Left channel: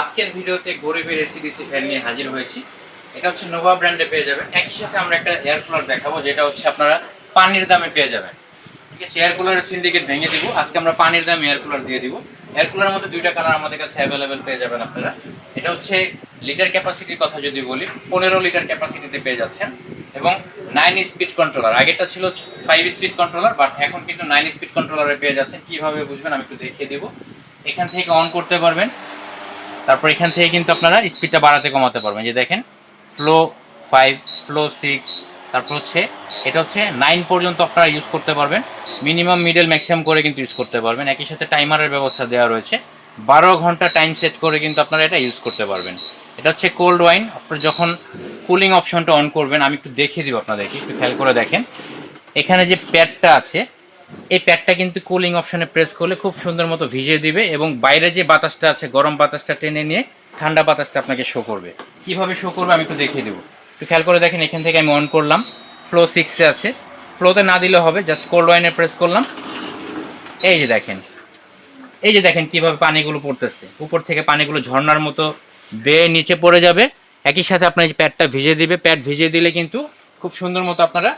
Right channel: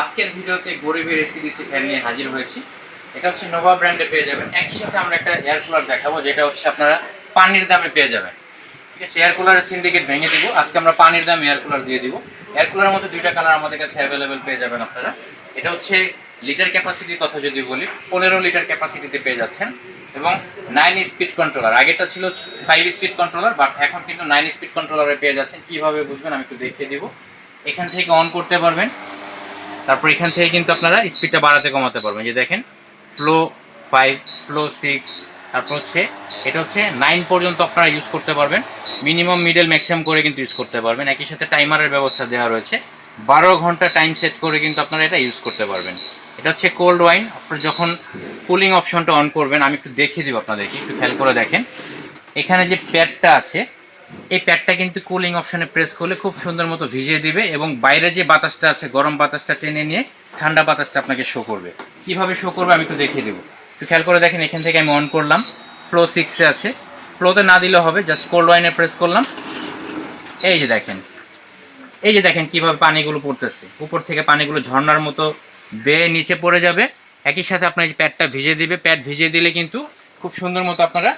আজকের ভিডিওতে গরিবের এসিডিসি ফ্যান নিয়ে হাজির হয়েছি। এটা হচ্ছে নোভা ব্র্যান্ডে পেয়ে যাবেন। একই সাথে আমরা একটা এয়ার কুলার দেখাবো, যেটা হচ্ছে আপনারা পানির দামে পেয়ে যাবেন। ঠিক আছে, এয়ার কুলারের সিন্ডিকেট ভেঙে দিব। আজকে আমরা পানির দাম এয়ার কুলার দিয়ে দিব। এয়ার কুলারের মধ্যে দুইটা কালার আমাদের কাছে অ্যাভেলেবেল পেয়ে যাবেন আপনারা। এটা হচ্ছে লিটার ক্যাপাসিটির কথা যদি বলি, 15 লিটার ক্যাপাসিটিতে পেয়ে যাচ্ছেন এবং 9 স্পিড কন্ট্রোলার। আগেরটা ছিল 5 স্পিড কন্ট্রোলার, বাট এখন কিন্তু 9 স্পিড কন্ট্রোলারে পেয়ে যাচ্ছেন। কিভাবে বুঝবেন আমি একটু দেখিয়ে দিব। এখান থেকে অন করতে পারবেন, তারপর এখান থেকে কিন্তু আপনারা স্পিডটা বাড়াতে কমাতে পারবেন। যে দেখেন, ফ্লো 5, ফ্লো 6, তারপর হচ্ছে এটা হচ্ছে 9 পর্যন্ত আপনারা ইউজ করতে পারবেন। মিনিমাম, মিডল, ম্যাক্সিমাম করে কিন্তু ইউজ করতে পারবেন। একই সাথে টাইমারের ব্যবস্থা দেওয়া রয়েছে। 12 ঘন্টা টাইম সেট করে কিন্তু আপনারা এটা ইউজ করতে পারবেন। এটা হচ্ছে কোল্ড ওয়াইন। আপনারা যখন কুলিং অপশনটা অন করবেন, আমি একটু দেখিয়ে দিব আপনাদেরকে, একটু খেয়াল করে দেখেন। এখানে যে প্যাডটা আছে, এই প্যাডটা কিন্তু কুলিং অপশনে প্রেস করলে খুব সুন্দর মতো ভিজিয়ে দিবে এবং বাইরে যে বাতাসটা আছে, গরম বাতাসটা টেনে নিয়ে ঠান্ডা বাতাসটা আপনাকে শো করবে। কিভাবে শো করবে আমি একটু দেখিয়ে দেবো। একটু খেয়াল করে দেখেন, এখান থেকে আমি অন করলাম, ফ্লো 6-এ আছে। ফ্লোতে না দিলে হবে, জাস্ট কোল্ড ওয়াইনে প্রেস করলাম। এই যে দেখেন, এই যে দেখেন কিভাবে পানিগুলো পড়তেছে। উপর থেকে পানিগুলো ঝর্ণার মতো বেয়ে নিচে পড়ে যাবে। একই সাথে আপনার এই প্যাডটা ভিজিয়ে দিবে। প্যাড ভিজিয়ে দিলে কিন্তু খুব সুন্দর মতো আপনারা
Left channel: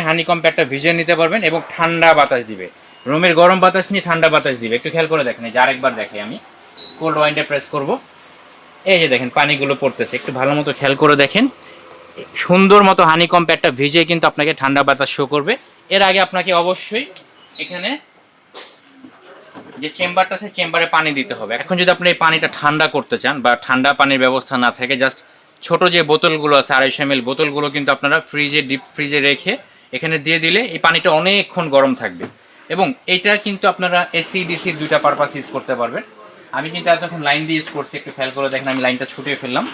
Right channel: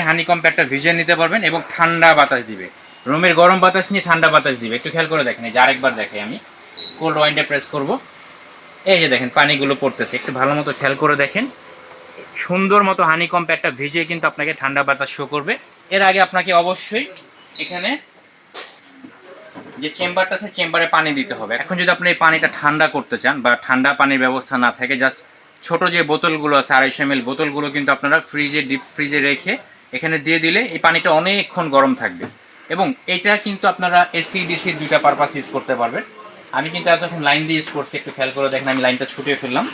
এই হানিকম প্যাডটা ভিজিয়ে নিতে পারবেন এবং ঠান্ডা বাতাস দিবে। রুমের গরম বাতাস নিয়ে ঠান্ডা বাতাস দিবে। একটু খেয়াল করে দেখেন, এই যে আরেকবার দেখাই আমি, কোল্ড ওয়াইনটা প্রেস করব। এই যে দেখেন পানিগুলো পড়তেছে, একটু ভালো মতো খেয়াল করে দেখেন। সুন্দর মতো হানিকম প্যাডটা ভিজিয়ে কিন্তু আপনাকে ঠান্ডা বাতাস শো করবে। এর আগে আপনাকে অবশ্যই এখানে যে চেম্বারটা আছে, চেম্বারে পানি দিতে হবে। এখন যদি আপনি এই পানিটা ঠান্ডা করতে চান বা ঠান্ডা পানির ব্যবস্থা না থাকে, জাস্ট ছোট যে বোতলগুলো আছে 250 ml বোতলগুলো কিন্তু আপনারা ফ্রিজে, ডিপ ফ্রিজে রেখে এখানে দিয়ে দিলে এই পানিটা অনেকক্ষণ গরম থাকবে। এবং এইটা কিন্তু আপনারা এসি ডিসি দুইটা পারপাস ইউজ করতে পারবেন। আমি কিন্তু এতক্ষণ লাইন দিয়ে ইউজ করছি, একটু খেয়াল করে দেখেন, আমি লাইনটা ছুটিয়ে ফেললাম।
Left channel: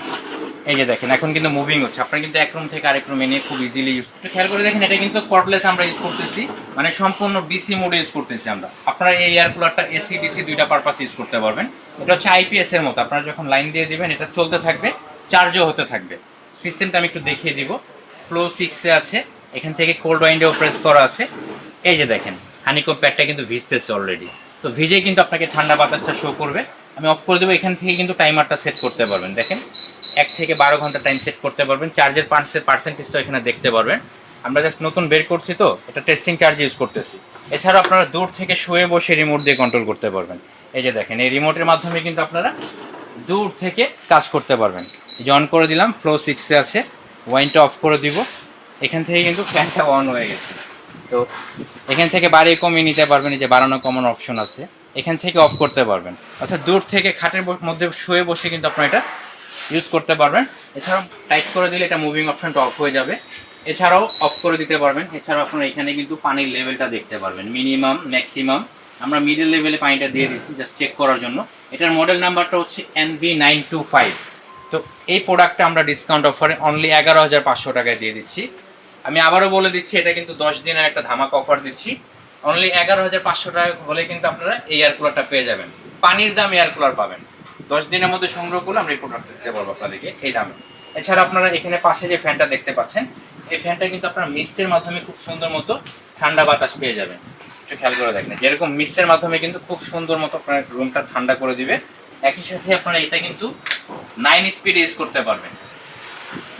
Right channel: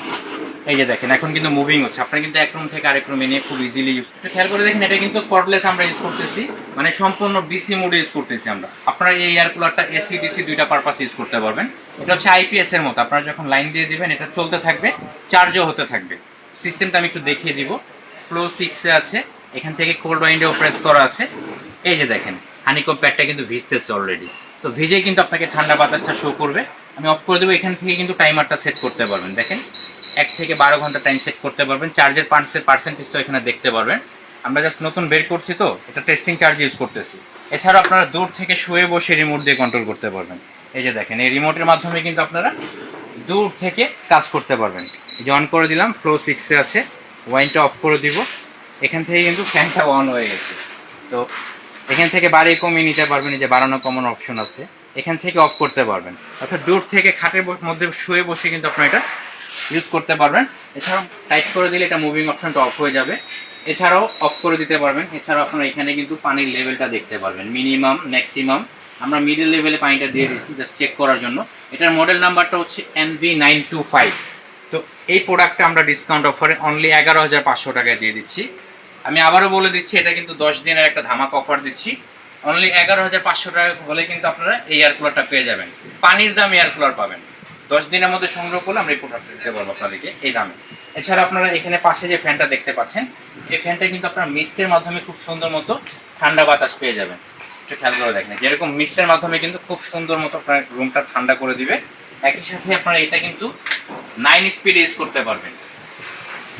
এই যে দেখেন, এখন কিন্তু মুভিং হচ্ছে। আপনারা কিন্তু এক রুম থেকে আরেক রুমে নিয়ে খুব ইজিলি ইউজ, একটু খেয়াল করে দেখেন। এটা কিন্তু কর্ডলেস আমরা ইউজ করতেছি, মানে সম্পূর্ণ ডিসি মোডে ইউজ করতেছি আমরা। আপনারা এই এয়ার কুলারটা এসি ডিসি দুইটা পারপাস ইউজ করতে পারবেন। এটা হচ্ছে আইপিএস এর মতো, আপনারা যখন লাইন দিয়ে দিবেন এটা চলতে থাকবে, চার্জও হতে থাকবে। সিস্টেমটা আমি একটু দেখিয়ে দিব। ফ্লো 6-এ আছে, এখান থেকে কোল্ড ওয়াইন্ডেও প্রেস করা আছে। এই যে দেখেন, হানিকম প্যাডটা কিন্তু ভিজতেছে অলরেডি। তো ভিজে কিন্তু আপনাকে ঠান্ডা বাতাসটা শো করবে। আমি অফ করে দেবো। এখান থেকে কিন্তু টাইমারটা সেট করতে পারবেন। দেখেন, 1 থেকে 12 ঘন্টা টাইম সেট করতে পারবেন। চার্জের পার্সেন্টেজটা এখানে দেখতে পারবেন। আমরা জাস্ট নতুন বের করছি, তো এটা টেস্টিং চার্জ ইউজ করতেছি। এছাড়াও আপনারা দূর থেকে শুয়ে বসে রিমোট দিয়ে কন্ট্রোল করতে পারবেন। এই যে দেখেন, এই রিমোটের মাধ্যমে কিন্তু আপনারা দূর থেকে কাজ করতে পারবেন। যে অন করে দিলাম, ফ্লো 6-এ আছে, ওয়াইনটা অফ করে দিব। এখান থেকে কিন্তু ফ্যানটা অন হয়ে গেছে। তো এখান থেকে বাড়িয়ে কমিয়ে নিতে পারবেন। এই যে বাড়ানো কমানো অপশন আছে, এখান থেকে অফ করতে পারবেন। অর্থাৎ দূর থেকে খাটের মধ্যে শুয়ে বসে কিন্তু আপনারা এটা ইউজ করতে পারবেন। এছাড়াও টাইট করে দিলে এটা মুভিং অপশনটা অফ হয়ে যাবে। এছাড়াও অফ করে দিতে পারবেন। এছাড়াও আপনারা এখানে কিন্তু পানির লেভেলটা দেখতে পারবেন, মিনিমাম, ম্যাক্সিমাম। আমরা মিডল লেভেলে পানিটা দিয়ে দিচ্ছি জাস্ট চেক করার জন্য। এটার মডেল নাম্বারটা হচ্ছে NV925। তো এই প্রোডাক্টটা আমরা ডিসকাউন্ট অফারে অনলি 11,500 টাকায় দিয়ে দিচ্ছি। আমি আবারও বলে দিচ্ছি, এটা কিন্তু 10 দিনের একটা ধামাকা অফার দিচ্ছি। অনলি 11,500 টাকা হলে কিন্তু আপনারা এই এয়ার কুলারটা পেয়ে যাবেন। পানির দাম এয়ার কুলার পাবেন। 10 দিনের মধ্যে সংগ্রহ করলে আমরা এই প্রোডাক্টটা দিতে পারবো আপনাদেরকে এই দামে। এছাড়া আপনারা এখানে পাশে যে ফ্যানটা দেখতে পাচ্ছেন, এই ফ্যানটা কিন্তু আপনারা মিস্টের মাধ্যমে খুব সুন্দর মতো ঠান্ডা বাতাস পেয়ে যাবেন। একটু খেয়াল করে দেখেন, যেরকম মিস্টের মাধ্যমে কিন্তু খুব সুন্দর মতো আপনার রুমটা ঠান্ডা করে দিবে। একই সাথে আপনারা এটা কিন্তু 9 স্পিড ইউজ করতে পারবেন।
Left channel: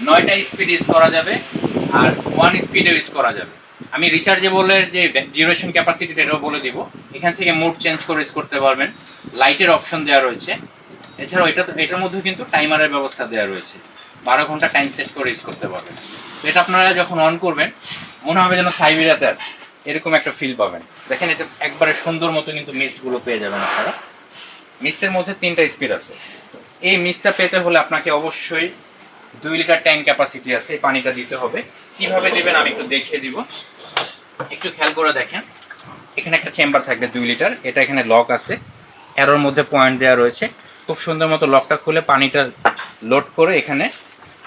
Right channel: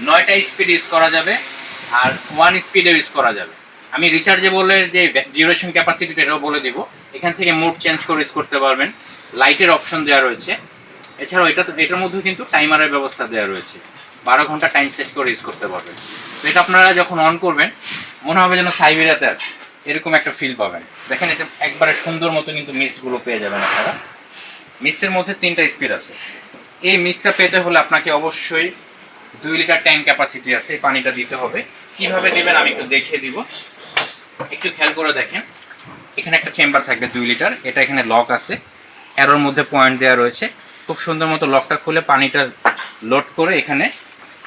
9টা স্পিড ইউজ করা যাবে আর 1 স্পিডে ইউজ করা যাবে। আমি রিচার্জেবলের যে ডিউরেশন ক্যাপাসিটিটা এটাও বলে দিব। এখান থেকে মোড চেঞ্জ করে ইউজ করতে পারবেন। লাইটের অপশন দেওয়া রয়েছে। এছাড়াও এটার মধ্যেও কিন্তু টাইমারের ব্যবস্থা দেওয়া রয়েছে। 12 ঘন্টা টাইম সেট করে ইউজ করতে পারবেন। তো এটা আপনারা যখন অন করবেন, মনে হবে যেন সাইবেরিয়াতে আছে, এরকম একটা ফিল পাবেন। দেখেন, এটা একবারে সুন্দর মতো কিন্তু মিস্টগুলো পেয়ে যাবেন আপনারা। মিস্টের মধ্যে 3টা স্পিড আছে। এই মিস্টটা পেতে হলে আপনাকে অবশ্যই 2 লিটার ট্যাঙ্ক ক্যাপাসিটি আছে, এই পানিটা দিতে হবে। কিভাবে দিবেন আমি একটু দেখিয়ে দিব। একটু খেয়াল করে দেখেন, এখানে একটা চেম্বার থাকবে 2 লিটার। এটা এখানে লক আছে, অ্যারোর মধ্যে পয়েন্ট দেওয়া রয়েছে। খুব সুন্দর মতো লকটা খুলে পানিটা লোড করে এখানে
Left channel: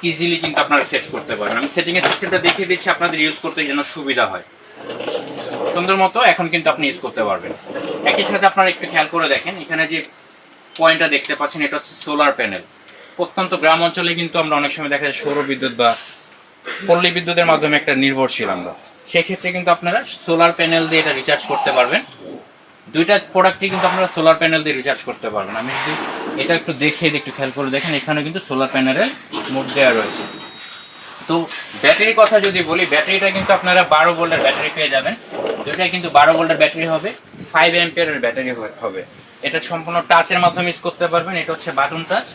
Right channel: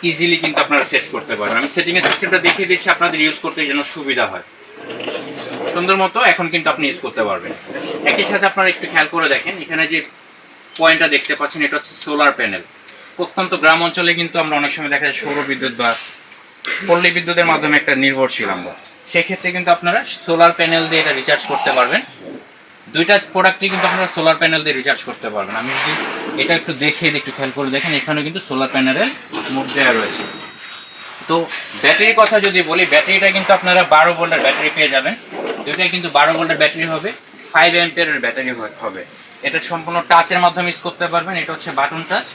ইজিলি কিন্তু আপনারা সেট করতে পারেন। আমি সেটিংয়ের সিস্টেমটা দেখিয়ে দিচ্ছি আপনাদের ইউজ করতে যেন সুবিধা হয়। সুন্দর মতো এখন কিন্তু আপনি ইউজ করতে পারবেন। একই সাথে আপনারা একটু খেয়াল করে দেখেন, এখানে যে পয়েন্টটা দেখতে পাচ্ছেন, এটা হচ্ছে সোলার প্যানেল। প্রত্যন্ত গ্রাম অঞ্চলে কিন্তু আমরা অনেক সময় দেখা যায় সৌর বিদ্যুৎ বা পল্লী বিদ্যুতের মাধ্যমে একটা নির্ভরশীল আমরা। সেক্ষেত্রে কিন্তু আপনারা সোলার প্যানেল দিয়ে এটা রিচার্জ করতে পারবেন। দুইটা প্রোডাক্টই কিন্তু আপনারা সোলার প্যানেল দিয়ে রিচার্জ করতে পারবেন। আমি যদি এটা একটু দেখিয়ে দিই, একটু খেয়াল করে দেখেন, এখানে কিন্তু সোলার প্যানেলের মোড দেওয়া রয়েছে। তো ব্যাটারির কথা যদি বলি, ব্যাটারিটা কিন্তু আপনারা 12 ভোল্টের ব্যাটারি পেয়ে যাবেন। দুইটাই কিন্তু 12 ভোল্টের ব্যাটারি হবে, 5 অ্যাম্পিয়ারের ব্যাটারি হবে। এটা সম্পূর্ণ টাচের মাধ্যমে ইউজ করতে পারবেন। এটা হচ্ছে বাটন টাচ।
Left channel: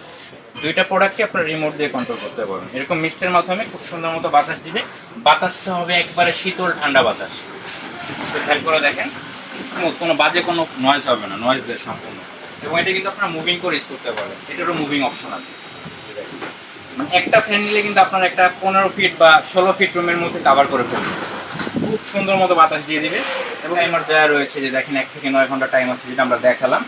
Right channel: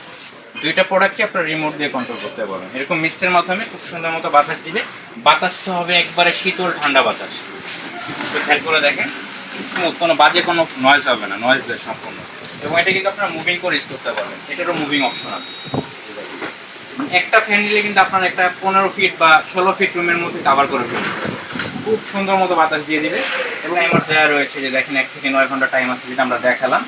দুইটা প্রোডাক্টই আপনারা রিমোট দিয়ে কন্ট্রোল করতে পারবেন। এরকম মিক্সের মাধ্যমে খুব সুন্দর মতো বাতাস দিবে। বাতাসটা হবে একবারে শীতল ঠান্ডা বাতাস। তো খেয়াল করে দেখেন, স্মুথ, কোনো বাজে কোনো নয়েজ হবে না, নয়েজলেস সম্পূর্ণ। এবং এটা কিন্তু আপনারা মুভিং করে ইউজ করতে পারবেন। এটারও মুভিং অপশন আছে। মানে একটা ফ্যান নিলে কিন্তু আপনার একটা 15 ফিট বা 16 ফিট রুমের মধ্যে কভার করে ফেলবে। খুব সুন্দর মতো বাতাস দিয়ে দিবে। এবং আমার দেওয়া রয়েছে যে দেখেন 1 থেকে 9 ঘন্টা টাইম আছে, যেটা আমরা দেখালাম।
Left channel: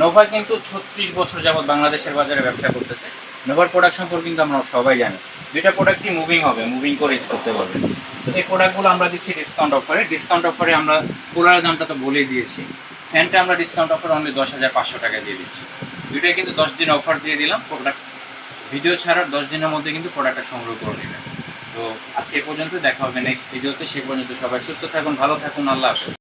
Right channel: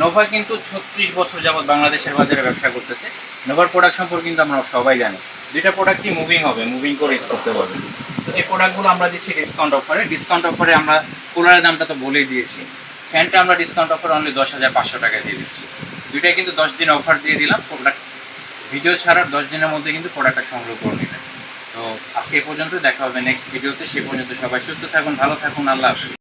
নোভা কিন্তু 36 বছর যাবৎ বাংলাদেশের বাজারে ব্যবসা করতেছে। নোভার প্রোডাক্ট সম্পর্কে কিন্তু আমরা সবাই জানি। দুইটা প্রোডাক্টই মুভিং হবে, মুভিং করে ইউজ করতে পারবেন। তো এই প্রোডাক্টগুলো আমরা দিচ্ছি ডিসকাউন্ট অফারে। ডিসকাউন্ট অফারে আমরা কুলারের দামটা তো বলেই দিয়েছি। ফ্যানটা আমরা ডিসকাউন্ট অফারে অনলি 10,500 টাকা দিয়ে দিচ্ছি। দুইটাই কিন্তু 10 দিন অফার দিয়ে দিলাম। প্রোডাক্ট ভিডিও ছাড়ার 10 দিনের মধ্যে কিন্তু প্রোডাক্টটা সংগ্রহ করে নেবেন। তো আজকে এই পর্যন্ত, দেখা হবে নেক্সট ভিডিওতে। সে পর্যন্ত সবাই সুস্থ থাকুন, ভালো থাকুন, আল্লাহ হাফেজ।